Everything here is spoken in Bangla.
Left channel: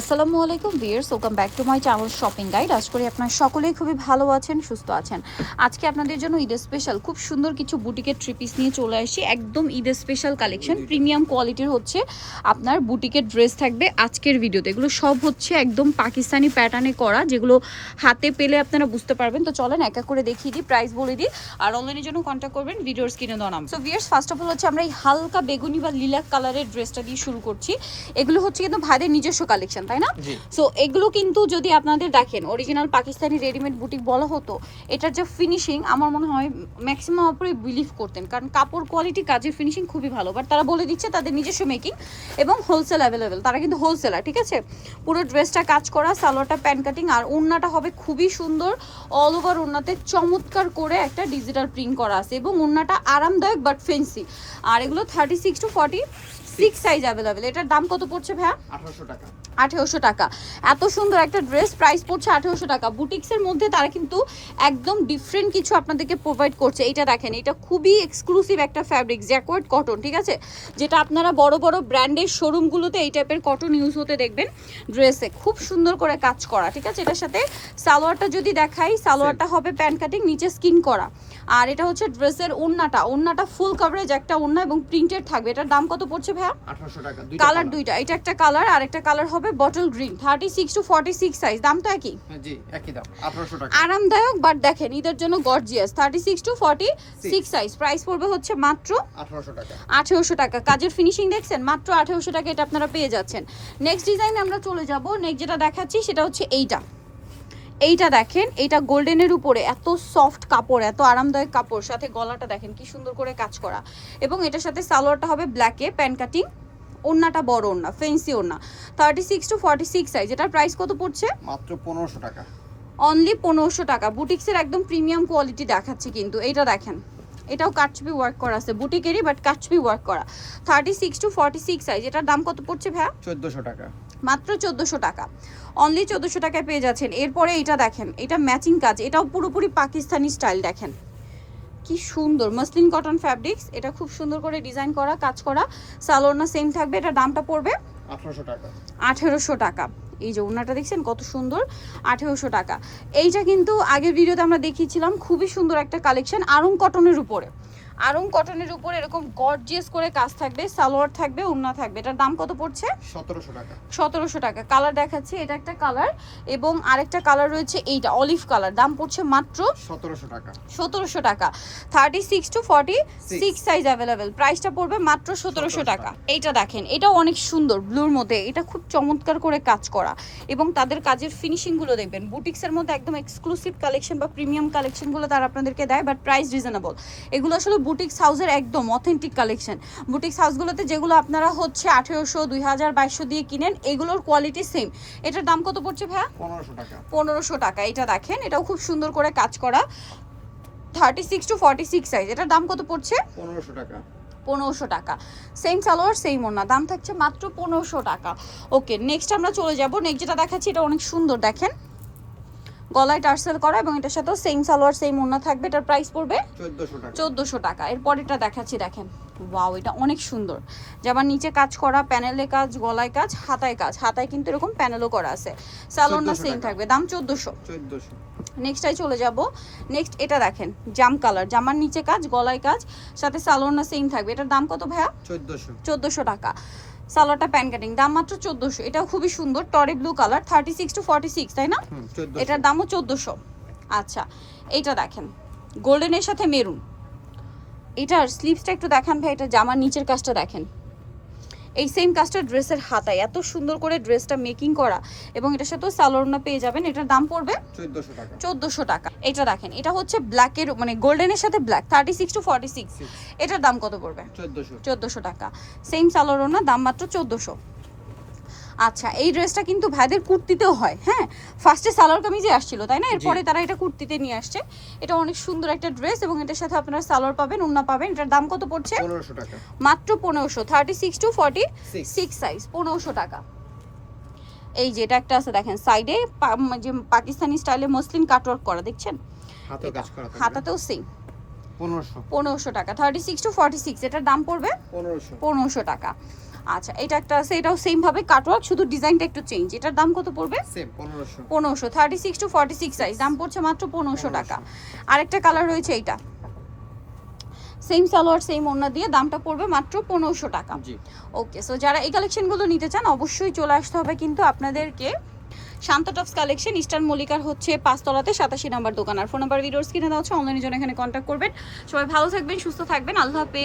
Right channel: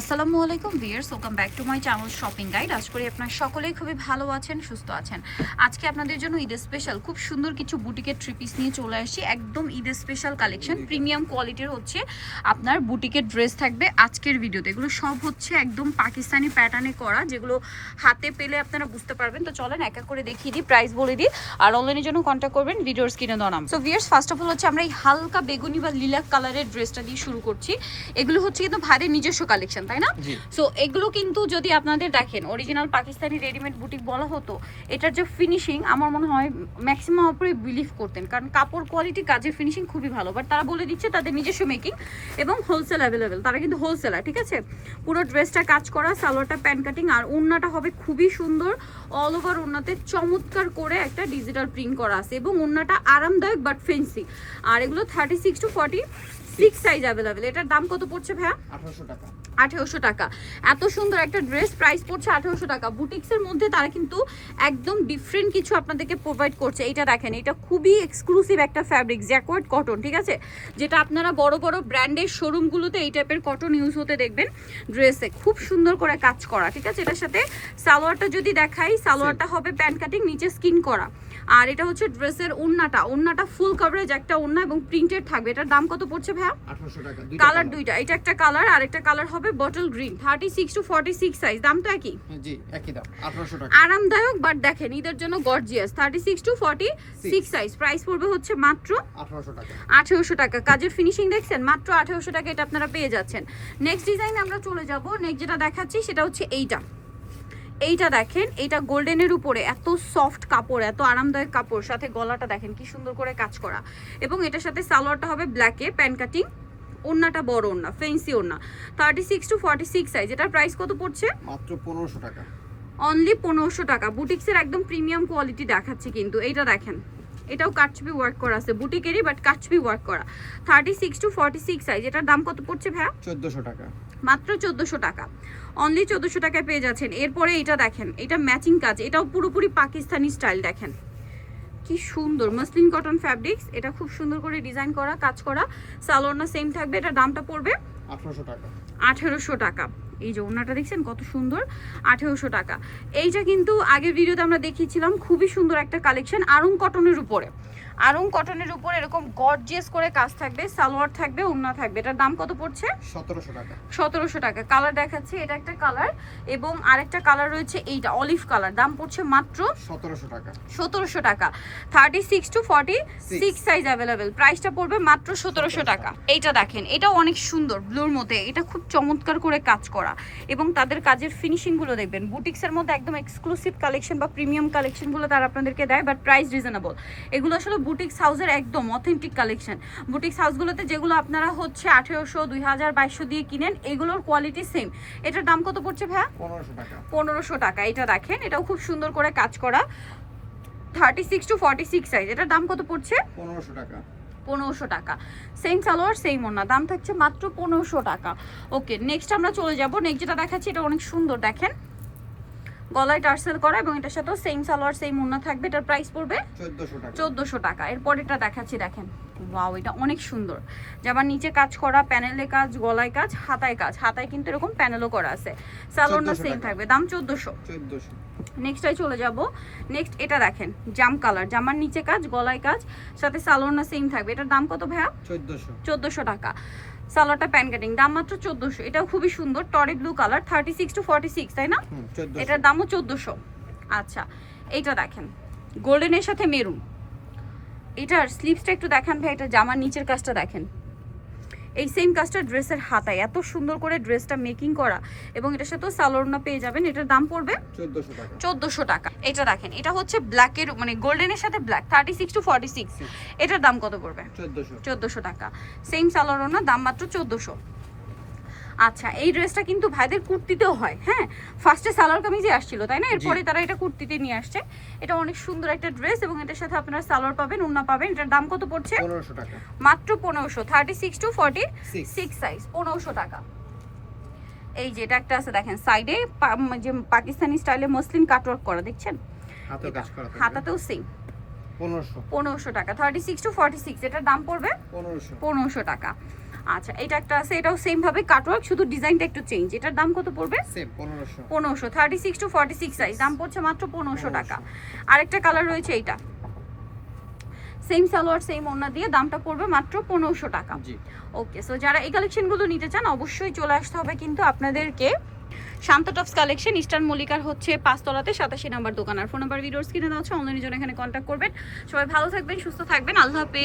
আসসালামু আলাইকুম viewers, welcome back to my channel shopping guide. আশা করি আপনারা সকলেই খুবই ভালো আছেন, সুস্থ আছেন। আজকে আপনাদের জন্য ঈদের স্পেশাল খুব সুন্দর কিছু বুটিকের থ্রি পিস নিয়ে চলে আসি। একদম ঈদের স্পেশাল কালেকশন, প্রিমিয়াম কোয়ালিটির হচ্ছে আপনার বুটিকের ড্রেস থাকবে আজকের ভিডিওতে। এগুলো সব হচ্ছে একদম পাকিস্তানি প্যাটার্নে করা, যেগুলো হাতে পেলে আপনারা বুঝতে পারবেন। তো চলেন এক এক করে দেখিয়ে দিই, প্রাইস বলে দিই, আর অনলাইনের জন্য কন্ট্যাক্ট করবেন ভিডিওর স্ক্রিনে দেওয়া নাম। So viewers, first of all হচ্ছে আমরা এই হালকা বেগুনি বা লিলাক কালারের ড্রেসটা দিয়ে শুরু করছি। এগুলো হচ্ছে কিন্তু ভাইদের নিজস্ব কালেকশন, তাই না? সো এগুলো কিন্তু যদি আপনাদের দেখেন অরিজিনাল পাকিস্তানি রেডিমেড বুটিক বলা হতো, এটার যে ফিনিশিং আমার মনে হয় ম্যাক্সিমাম উপরে বিলিভ করতেন, কারণ কাপড় কোয়ালিটি, কাজের ফিনিশিং খুবই ভালো। বাট তারা বলে দিচ্ছে তাদের নিজস্ব মেকিং এবং হোলসেল অ্যাভেলেবেল, তারা কিন্তু হোলসেলার, ঠিক আছে? পুরো ড্রেসটা কাজ করা, সালোয়ারটা প্যান্ট কাটিং, আর ওড়নাটা হবে খুবই সুন্দর। অল ওভার ওড়নাতে চমৎকার করে একটা ডিজিটাল প্রিন্ট করা আছে এবং ওড়নাটা আরামদায়ক বাট ফেন্সি। আর এগুলো 36 to 46 সাইজ অ্যাভেলেবেল। এটার দাম কত পড়ছে ভাইয়া? 1800 টাকা। 1800 টাকা। এত সুন্দর একটা ড্রেস, প্রাইস পড়ছে 1800 টাকা। বুটিক্সের মধ্যে তারা কিন্তু একদম ডিফারেন্ট কিছু আপনাদেরকে প্রোভাইড করছে। এটা দেখেন, এটা খুবই এক্সক্লুসিভ একটা ফ্যাব্রিক, জ্যাকওয়ার্ড কটন, ঠিক আছে? যেটা আপনারা বড় বড় ব্র্যান্ডের শোরুমগুলোতে এই টাইপের কটন ইউজ হতে দেখবেন ড্রেসে। খুব সুন্দর করে কাজ করা, ঠিক আছে? এটার সাথে সালোয়ারটা যদি দেখাই, সালোয়ারটা হবে প্যান্ট কাটিং, নিচে স্কিন করা। আর এটা হচ্ছে ড্রেসের ওড়নাটা ফুল কভারেজ একটা ওড়না এবং প্রিন্টেড থাকবে। এটার দাম কত পড়ছে ভাইয়া? 1800 টাকা। কালার দুইটা, এটা একটা কালার আর একটা কালার হবে বটল গ্রিন। 36 to 46 সাইজ, দাম তো একই? হ্যাঁ জি, একই দাম, 1800 টাকা। আরামদায়ক বাট দেখেন ঈদের জন্য গর্জিয়াস। 36 to 46 সাইজ, প্রাইস পড়বে হচ্ছে মাত্র 1800 টাকা। 1800 টাকা। কাজের ফিনিশিং দেখছেন, মাত্র 1800 টাকা এটা আপনারা পেয়ে যাচ্ছেন। নেক্সট ডিজাইনে আমরা চলে যাব। নেক্সট যেটা দেখাচ্ছি সেটা হচ্ছে এইটা দেখেন, এটা গোল্ডেনের উপরে এত সফট কাপড়, এত আরামদায়ক কাপড়, সাথে গলাটা দেখেন কি সুন্দর করে কাজ করা, এবং এটার সাথে সালোয়ারটা হবে ব্ল্যাকে, প্যান্ট কাটিং, ওড়নাটা বড় ওড়না, ফেন্সি ওড়না। 36 to 46 সাইজ। এটার প্রাইস কত পড়ছে? মাত্র 1500 টাকা। অনলি 1500 টাকা। বুটিক্সের একদম প্রিমিয়াম কোয়ালিটি দেখাচ্ছি কিন্তু। এইটা দেখেন, এটাও কাটছবি ওয়ার্ক করা আছে, বুটিকেরই বাট কাটছবি ওয়ার্ক করা। 36 to 46 সাইজ। এটার দাম কত পড়ছে ভাইয়া? 1400 টাকা। মাত্র 1400 টাকা। অনলি 1400 টাকায় পেয়ে যাচ্ছেন। এরপরে এটা দেখেন, এটা ম্যাচিং কাজ, এটাও পুরোপুরি পাকিস্তানি স্টাইল। দেখেন কি সুন্দর মসলিন কটন ফ্যাব্রিক্স, এটা খুব সুন্দর করে ডিজাইন করা, কাজ করা। সালোয়ার সেম থাকবে। এটার দামটা পড়বে 1800 টাকা। 1800 টাকা। এই যে ওড়নাটা দেখছেন কত সুন্দর, 1800 টাকা। এইটা কিন্তু আগের ভিডিওতে আমরা দেখিয়েছিলাম, খুবই সুন্দর একটা কালেকশন, আরং কটনের উপরে। আরং কটনের উপর এরকম গর্জিয়াস করে কাজ থাকবে, সালোয়ার থাকবে, ওড়না থাকবে। এটার দাম কত পড়ছে? 1700 টাকা। 1700 টাকা। কালার দেখাচ্ছি, এটা একটা কালার এবং আরেকটা কালার রয়েছে এইটা অলিভ কালার। দাম পড়ছে মাত্র 1700 টাকা। 1700 টাকা। 36 to 46 সাইজ অ্যাভেলেবেল। প্রাইসটা পড়বে মাত্র 1700 টাকা। এইটা দেখেন, এটাও অনেক সুন্দর ব্লুর মধ্যে, এটা খুব চমৎকার করে কাজ করা এবং তাদের কাজের ফিনিশিংগুলো দেখবেন। বুটিক্সের মধ্যে একদম এক্সক্লুসিভ কালেকশন বা প্রিমিয়াম কালেকশনগুলো তারা আপনাদেরকে দেয়, বাট প্রাইস রিজনেবল। এগুলো আসলে বুটিক্স হাউসের একদম অথেন্টিক কালেকশন। বুটিক্স হাউসগুলোতে যেগুলো আপনারা হচ্ছে 1800, 2000, 2200 দিয়ে কিনেন, এগুলোর কোয়ালিটি সেম। এটার দাম কত পড়ছে ভাইয়া? 1500 টাকা। 1500 টাকা। এটা দেখেন, এটাও খুব সুন্দর করে কাজ করা, 36 to 46 সাইজ। এটার দাম কত পড়ছে? 1500 টাকা। 1500 টাকা। সেম সালোয়ার সেম ওড়না, দাম থাকছে মাত্র 1500 টাকা। ওকে, নেক্সট আমরা চলে যাব। নেক্সট যেটা দেখাচ্ছি এটা অনেক সুন্দর, দেখেন গলায় টার্সেল করা এবং এটার সাথেও সেম সালোয়ার সেম ওড়না থাকবে। এটার প্রাইস পড়বে 1400 টাকা। 1400 টাকা। এরপর এটা দেখাচ্ছি, দেখেন ওয়াও, এটা অনেক সুন্দর। যেমন নিচে কাজ করা, প্যানেলে কাজ, গলায় কাজ, হাতায় কাজ, হাতায় কিন্তু এরকম প্যানেলও করা আছে। সালোয়ারটা সেম থাকবে, দাম 1400। 1400। নেক্সটাই চলে যাব। নেক্সট এটা দেখেন জাম কালার, জামার নিচে কাজ, গলায় কাজ, সাথে সালোয়ারটা সেম থাকবে। এটার দাম কত ভাইয়া? 1400। 1400 টাকা। সালোয়ারটা প্যান কাটিং, দাম মাত্র 1400। এটাও খুবই সুন্দর, টরি ব্লু কালার, 36 to 46, তাই না? 1400। এটার দামও 1400। আচ্ছা, এইটা দেখেন গোল্ডেনের সাথে মেরুন। এটার স্লিভসটা একটু দেখান ভাই, এটা জামার নিচের কাজটা দেখেন, এই সেম কাজটা ড্রেসের হাতায়, এত সুন্দর করে ড্রেসটা মেকিং করা এবং এটার সাথেও সালোয়ারটা পেয়ে যাবেন। এটার দাম পড়বে 1400 টাকা। 1400 টাকা। এটা দেখেন, এটা হচ্ছে ব্ল্যাকের মানে গোল্ডেনের সাথে ব্ল্যাক, 36 to 46। এটার দাম কত পড়বে? 1400। 1400 টাকা। সেম সালোয়ার না, দাম মাত্র 1400। আচ্ছা, এই ড্রেসটা কিন্তু ভাইদের কুর্তিতেও হয়। হ্যাঁ, ফার্স্টে সালোয়ার কামিজে আসছিল, তাই না? এরপরে তারা এটা কুর্তিতে নিয়ে আসছে। এটা অনেক সুন্দর একটা ড্রেস এবং এটার সাথে আপনারা সালোয়ার পাবেন, ওড়না পাবেন। এটার দাম কত পড়ছে? 1500 টাকা। মাত্র 1500। 36 to 46 সাইজ, 1500 টাকা। এই যে এটা একটা আছে দেখেন, সাইডে যে পাকিস্তানি স্টাইলে মসলিন কাটওয়ার্ক করা, দেখছেন? হাতে কাজ করা থাকবে। হাতাতেও সেম। 1500। 1500 টাকা। 36 to 46, এটার দাম পড়বে 1500। 1500 টাকা। আচ্ছা এটা একটা আছে, এটাও সেম ভাবে কাটওয়ার্ক, শুধু ডিজাইনটা একটু চেঞ্জ। এটার দাম কত পড়বে? সেম 1500। 1500, 36 টু 46 সাইজ, দাম পড়ছে মাত্র 1500 টাকা। আরেকটা কালার রয়েছে এইটা, সেম সালোয়ার সেম ওড়না দিয়ে, দামটা পড়বে মাত্র 1500 টাকা। জি। ওকে, সো যারা এই কালেকশনগুলো নিতে চান অবশ্যই চলে আসতে হবে কিন্তু আপনাদেরকে শান্ত টপস কালেকশন, ইস্টার্ন মল্লিকার হচ্ছে 5 তলাতে 87 নাম্বার দোকান। আর ফোন নাম্বার ভিডিওস কিনে দেওয়া হচ্ছে, অনলাইনের জন্য এখানে কন্ট্যাক্ট করবেন। সবাই ভালো থাকবেন, সুস্থ থাকবেন, আল্লাহ হাফেজ।